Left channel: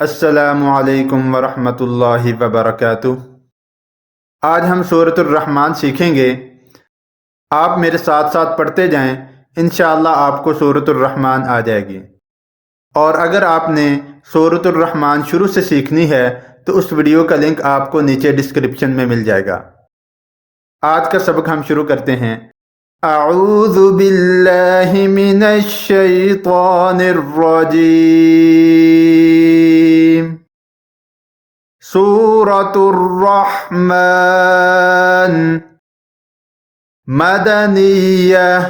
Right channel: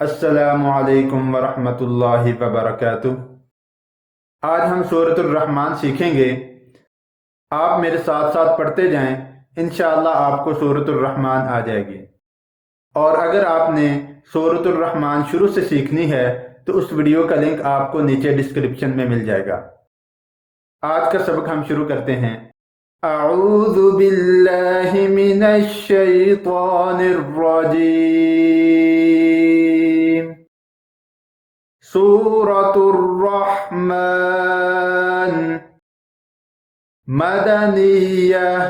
अस्सलामु अलैकुम वरहमतुल्लाहि वबरकातुह। आज हम सूरत रहमान सीखेंगे। आप मेरे साथ साथ पढ़ते जाएं, इंशाअल्लाह आपको सूरत रहमान आ जाएगी। और अगर आपने सूरत रहमान शुरू से सीखनी है तो उस वीडियो का लिंक आपको नीचे डिस्क्रिप्शन में मिल जाएगा। आज का सबक हम शुरू करते हैं। अऊज़ु बिल्लाहि मिनश शैतानिर रजीम। सूरतुर रहमान मदनिय्यह।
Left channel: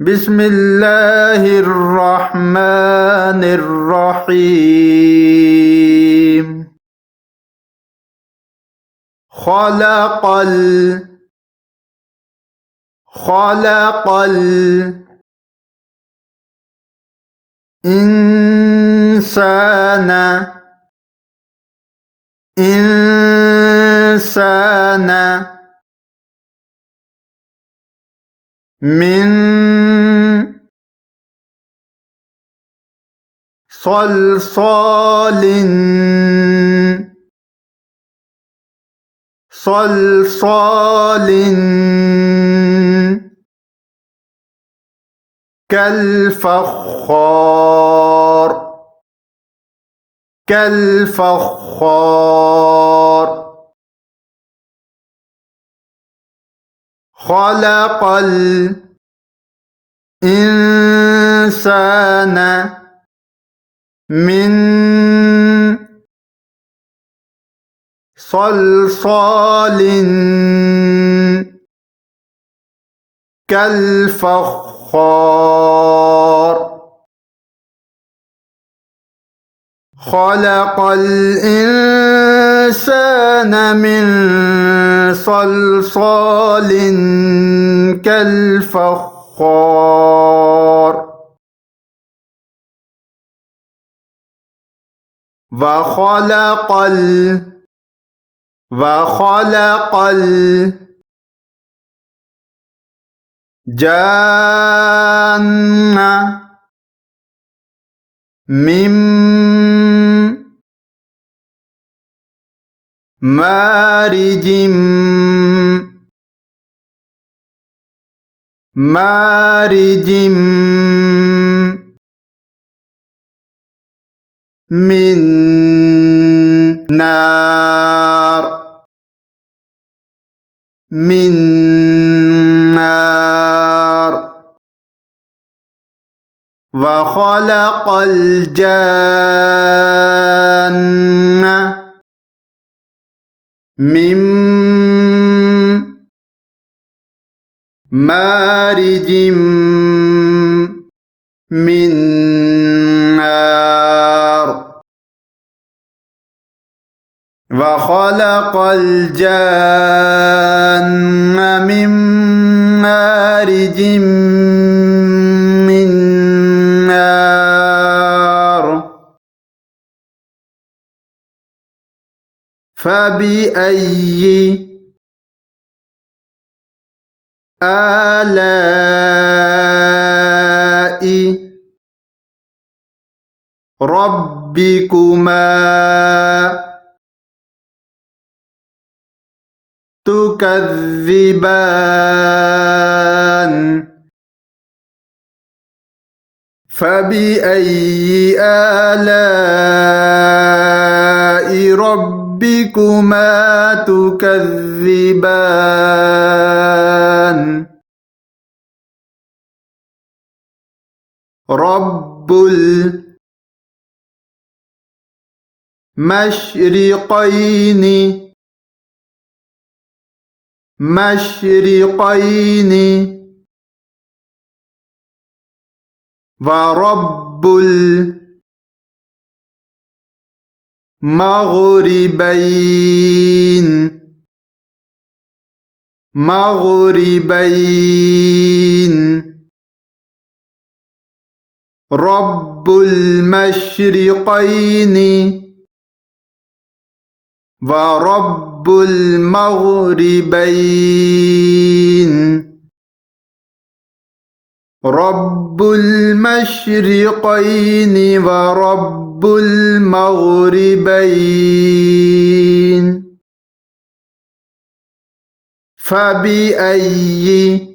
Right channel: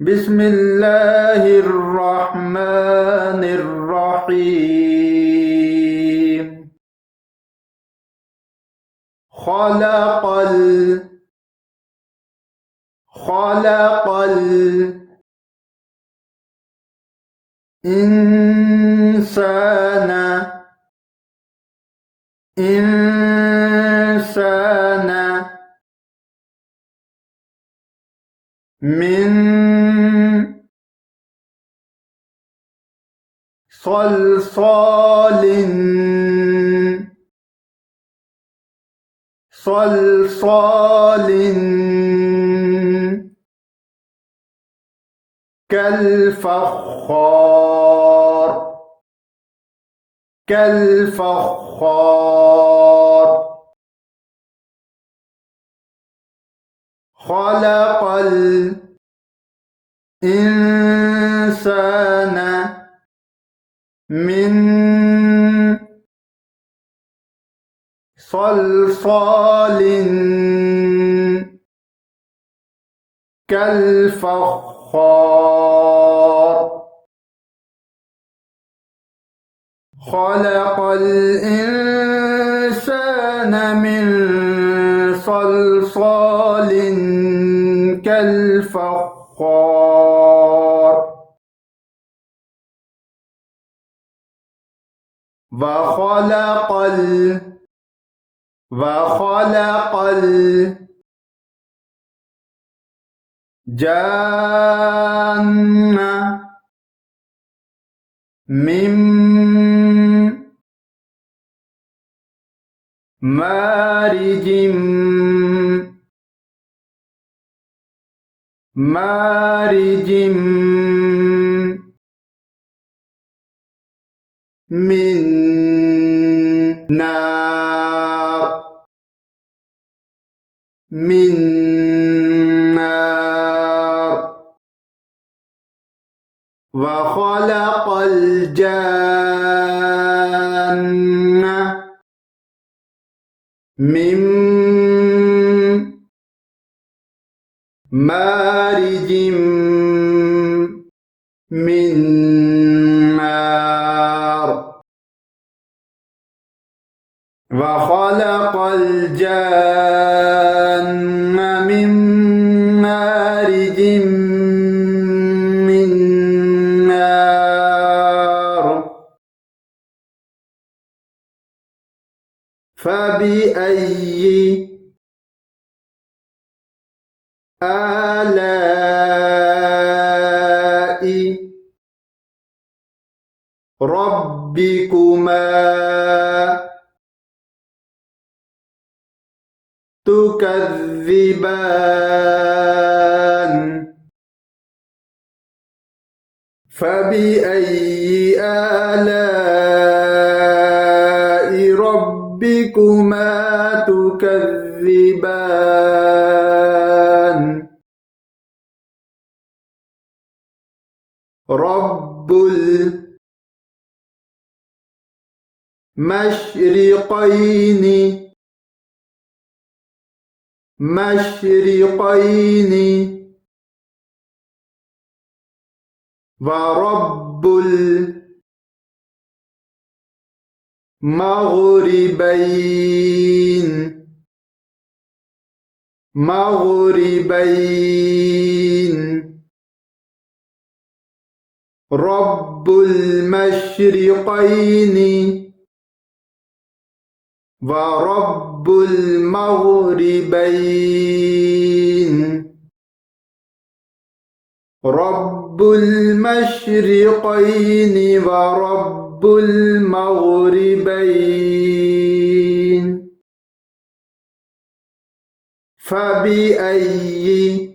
बिस्मिल्लाहिर रहमानिर रहीम। खलक़ल इंसाना मिन सलसालिन कल फख्खार। खलक़ल इंसाना मिन सलसालिन कल फख्खार। खलक़ल इंसाना मिन सलसालिन कल फख्खार। वखलक़ल जान्ना मिन मारिजिम मिन नार। वखलक़ल जान्ना मिन मारिजिम मिन नार। वखलक़ल जान्ना मिन मारिजिम मिन नार। फबिअय्यि आलाइ रब्बिकुमा तुकज़्ज़िबान। फबिअय्यि आलाइ रब्बिकुमा तुकज़्ज़िबान। रब्बुल मशरिक़ैनि व रब्बुल मग़रिबैन। रब्बुल मशरिक़ैनि व रब्बुल मग़रिबैन। रब्बुल المشرقين ورب المغربين فبأي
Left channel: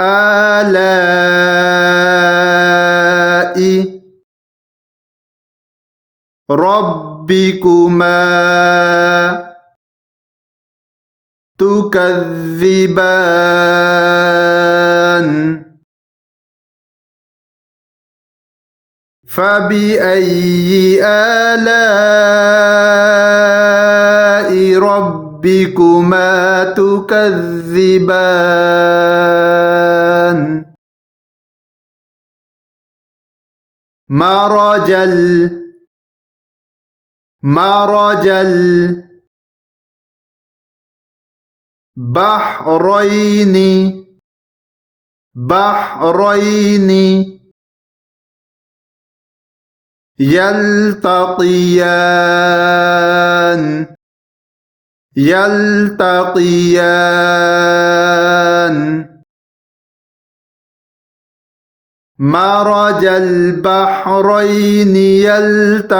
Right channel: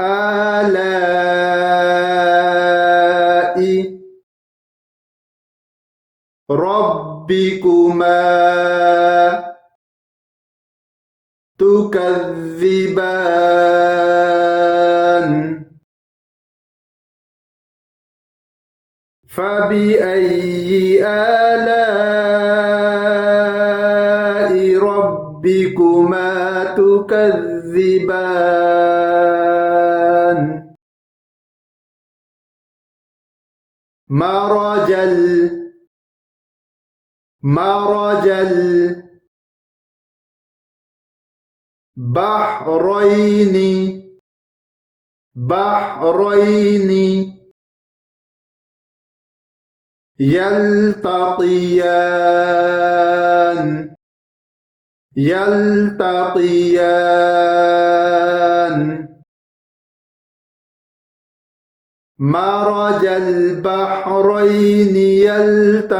آلاء ربكما تكذبان فبأي آلاء ربكما تكذبان مرج البحرين يلتقيان مرج البحرين يلتقيان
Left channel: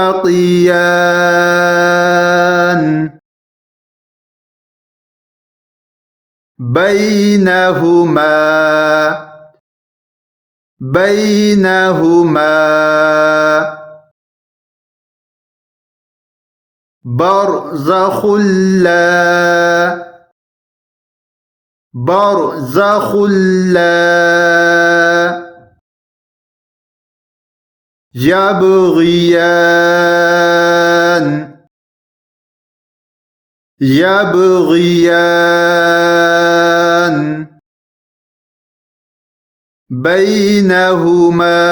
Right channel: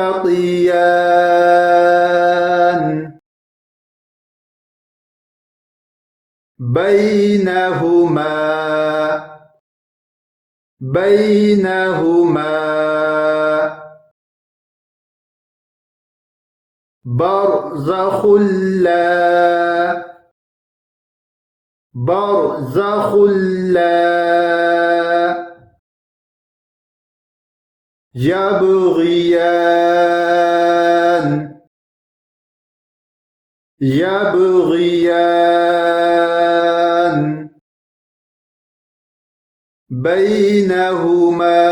بينهما برزخ لا يبغيان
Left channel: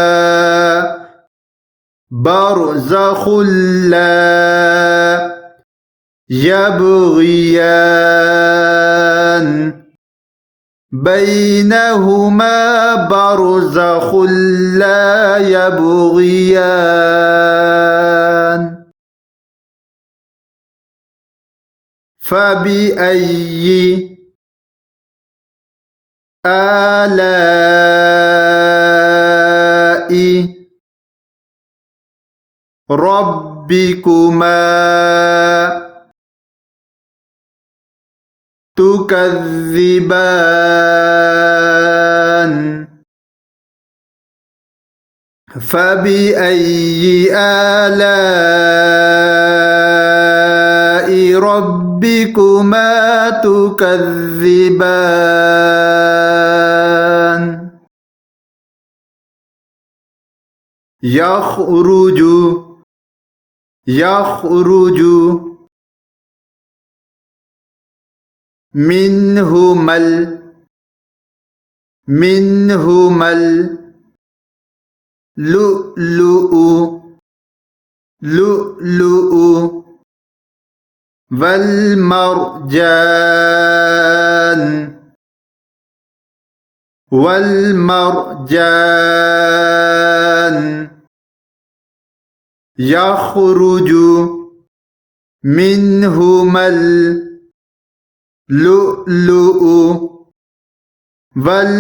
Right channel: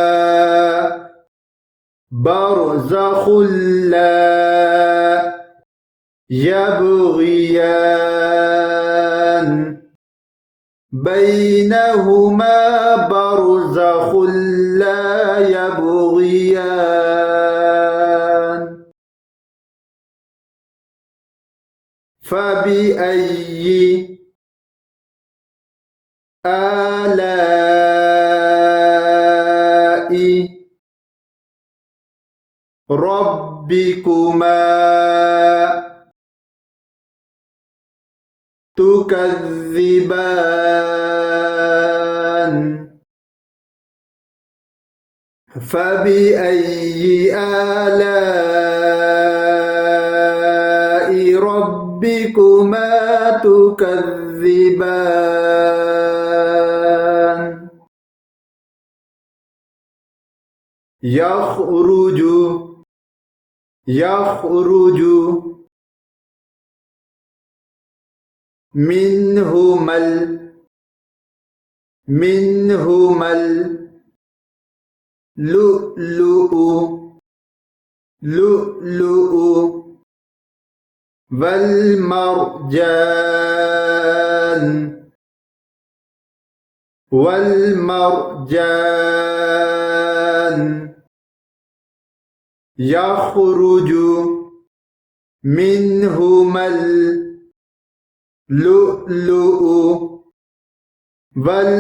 بينهما برزخ لا يبغيان بينهما برزخ لا يبغيان فبأي آلاء ربكما تكذبان فبأي آلاء ربكما تكذبان يخرج منهما اللؤلؤ والمرجان يخرج منهما اللؤلؤ والمرجان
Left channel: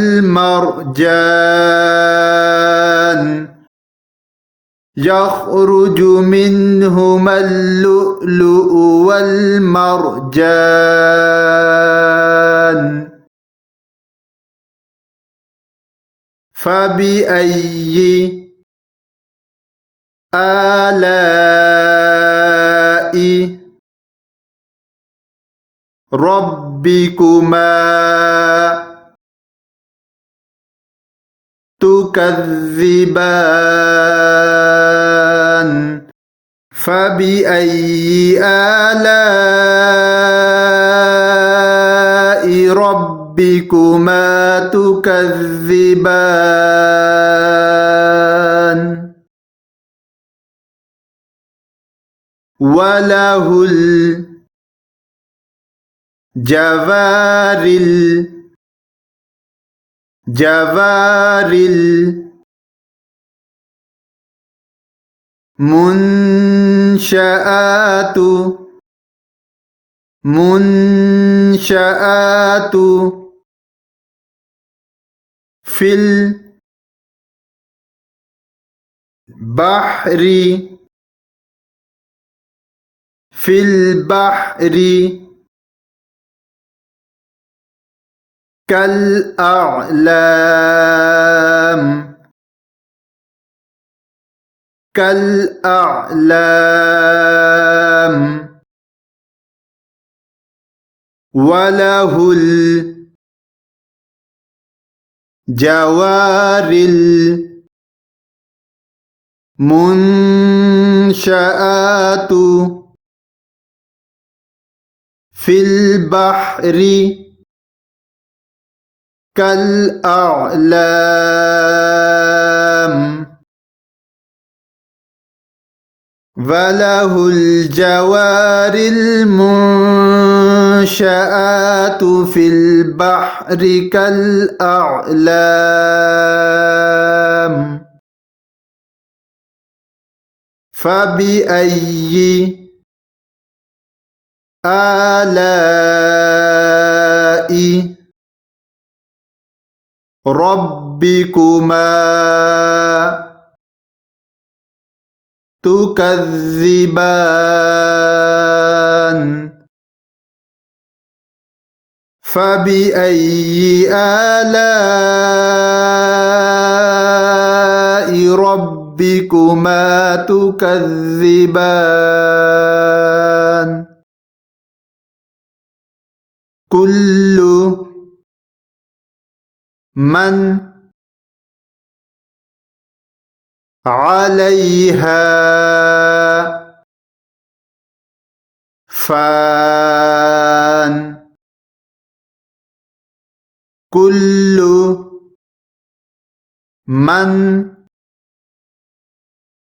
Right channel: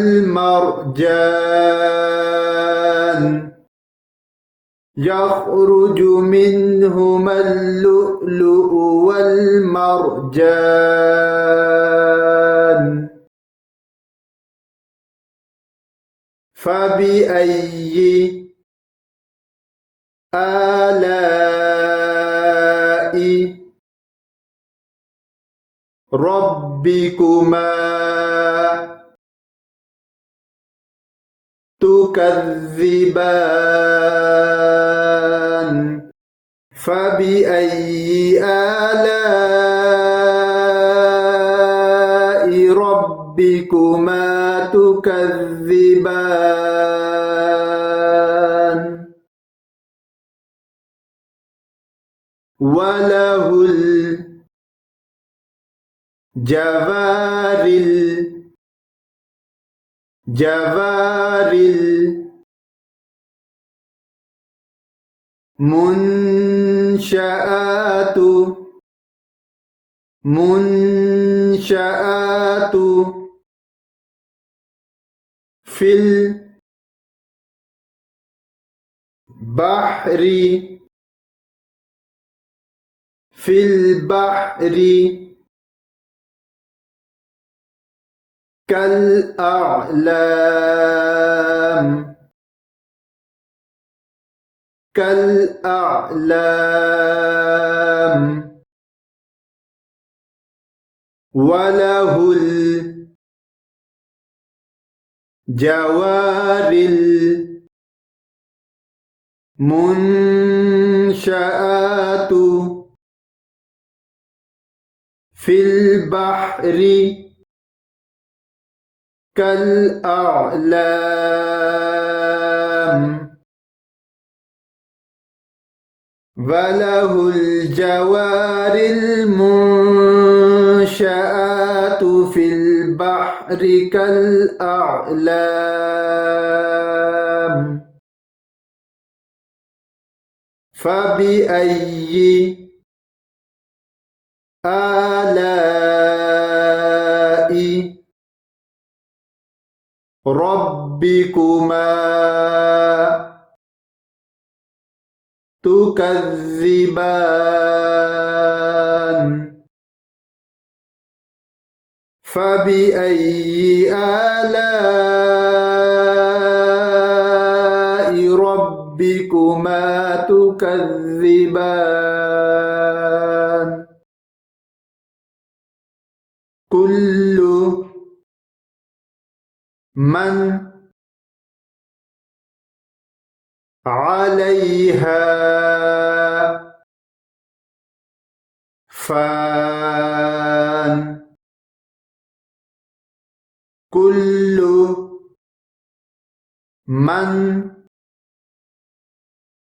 يخرج منهما اللؤلؤ والمرجان فبأي آلاء ربكما تكذبان فبأي آلاء ربكما تكذبان وله الجوار المنشآت في البحر في البحر كالأعلام كالأعلام وله الجوار المنشآت في البحر كالأعلام وله الجوار المنشآت في البحر كالأعلام فبأي آلاء ربكما تكذبان فبأي آلاء ربكما تكذبان كل من عليها فان كل من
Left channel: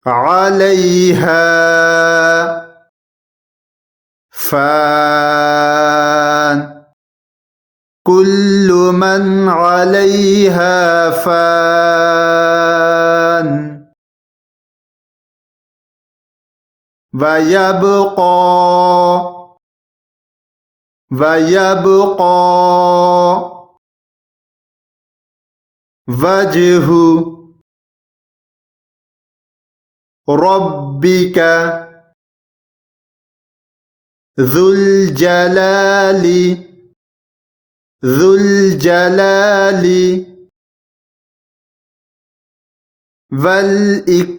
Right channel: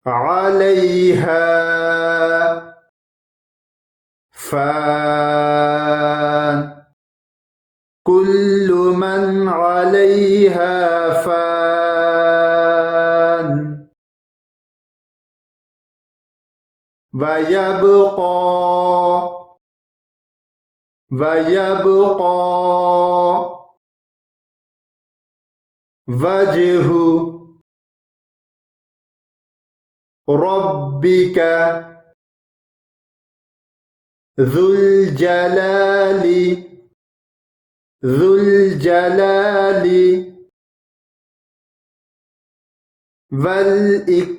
عليها فان كل من عليها فان ويبقى وجه ربك ذو الجلال والإكرام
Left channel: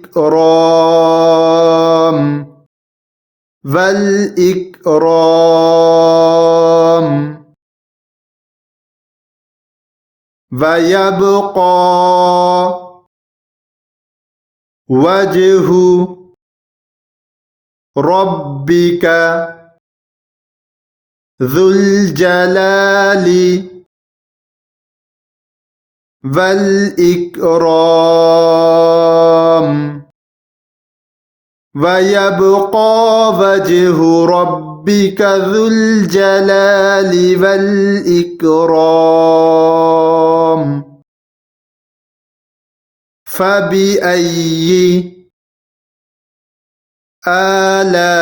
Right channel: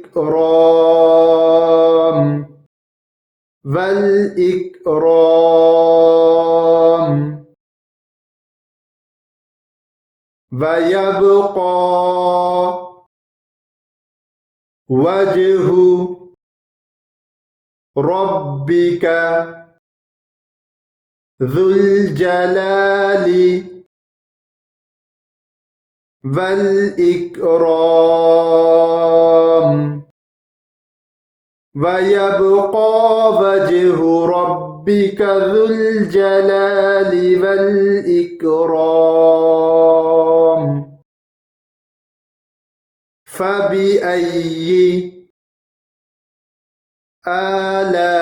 ويبقى وجه ربك ذو الجلال والإكرام ويبقى وجه ربك ذو الجلال والإكرام فبأي آلاء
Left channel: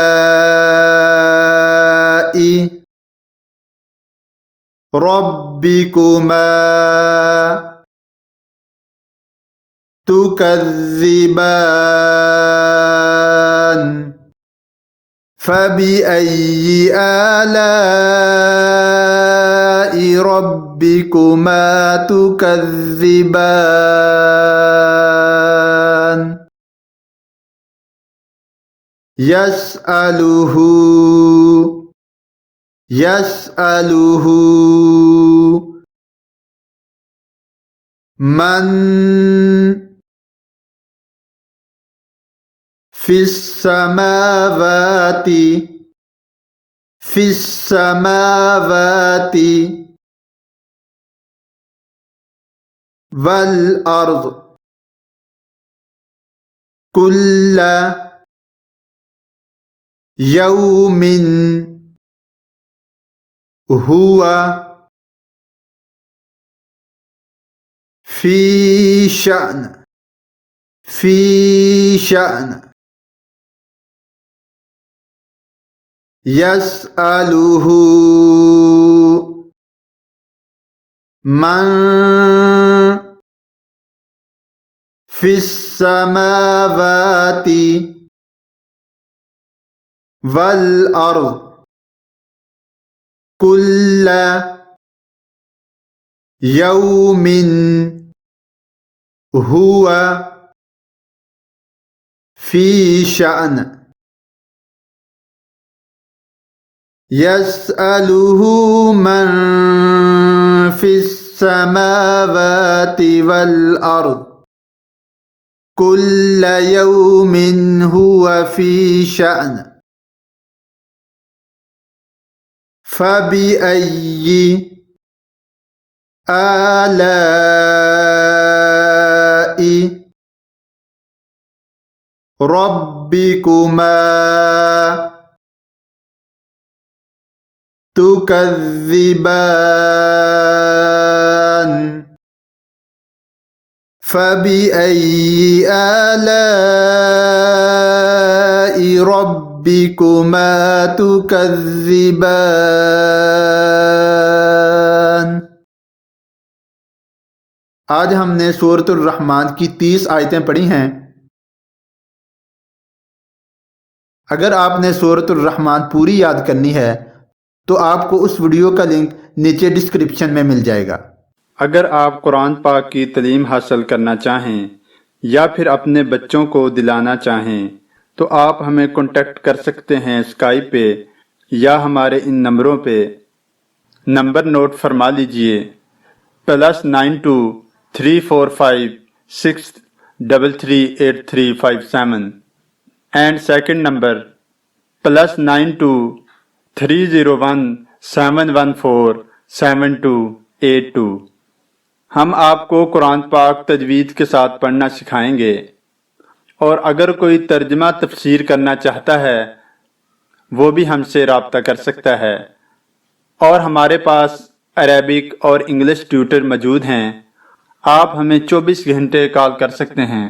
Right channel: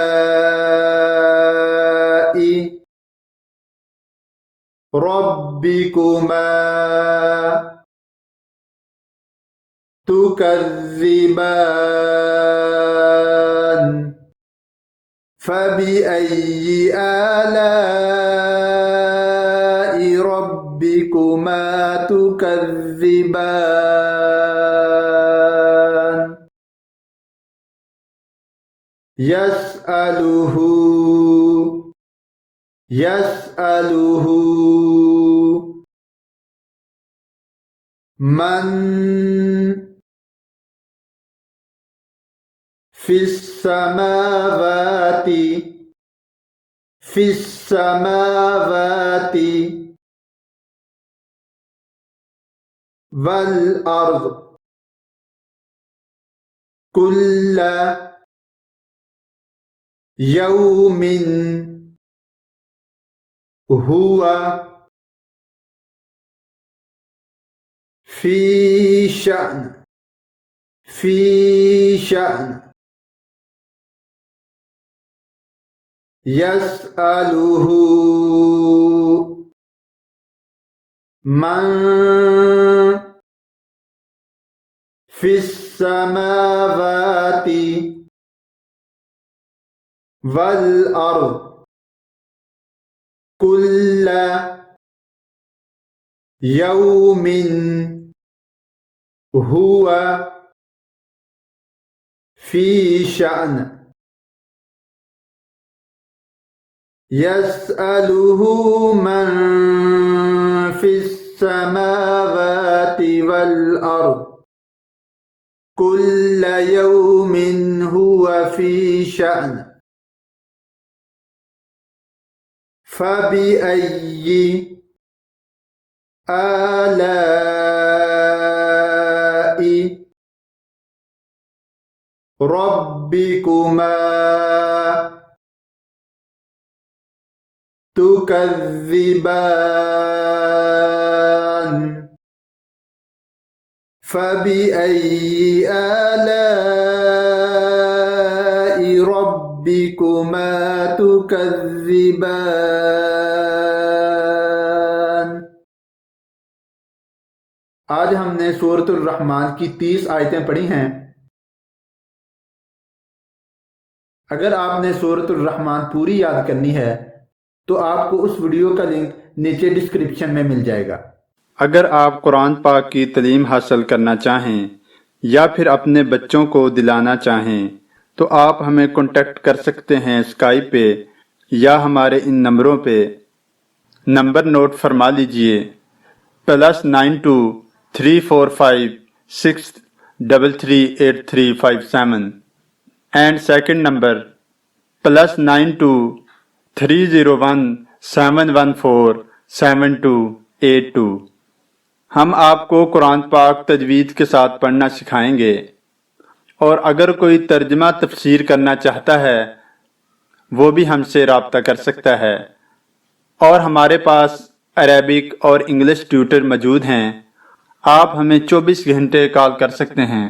ربكما تكذبان فبأي آلاء ربكما تكذبان يسأله من في السماوات والأرض كل يوم هو في شأن يسأله من फिस्समावाति वल अर्द कुल्ल यौमिन हुवा फी शान यसअलुहु मन फिस्समावाति वल अर्द कुल्ल यौमिन हुवा फी शान फबिअय्यि आलाइ रब्बिकुमा तुकज़्ज़िबान फबिअय्यि आलाइ रब्बिकुमा तुकज़्ज़िबान। आज हमने सूरह रहमान की 30 आयतें पढ़ी हैं। अगर आपने सूरह रहमान पूरी याद करनी है तो आपको उस वीडियो का लिंक नीचे डिस्क्रिप्शन में मिल जाएगा। अगर आप कुरान पाक की तालीम हासिल करना चाहें या फिर अपने बच्चों को दिलाना चाहें तो आप हमें कांटेक्ट कर सकते हैं स्काइप पे या हमारे इन नंबरों पे। नंबर नोट फरमा लीजिए +92 345 633 8357 and second number +92 301 714 7282। हम आपको कुरान पाक तजवीद के साथ पढ़ना सिखाएंगे और अगर कोई तर्जमा तफसीर करना चाहता है वो भी हमसे राब्ता कर सकता है। और हमारे पास अरेबिक और इंग्लिश ट्यूटर मौजूद हैं। आप हमें 24 घंटे कॉल कर सकते हैं।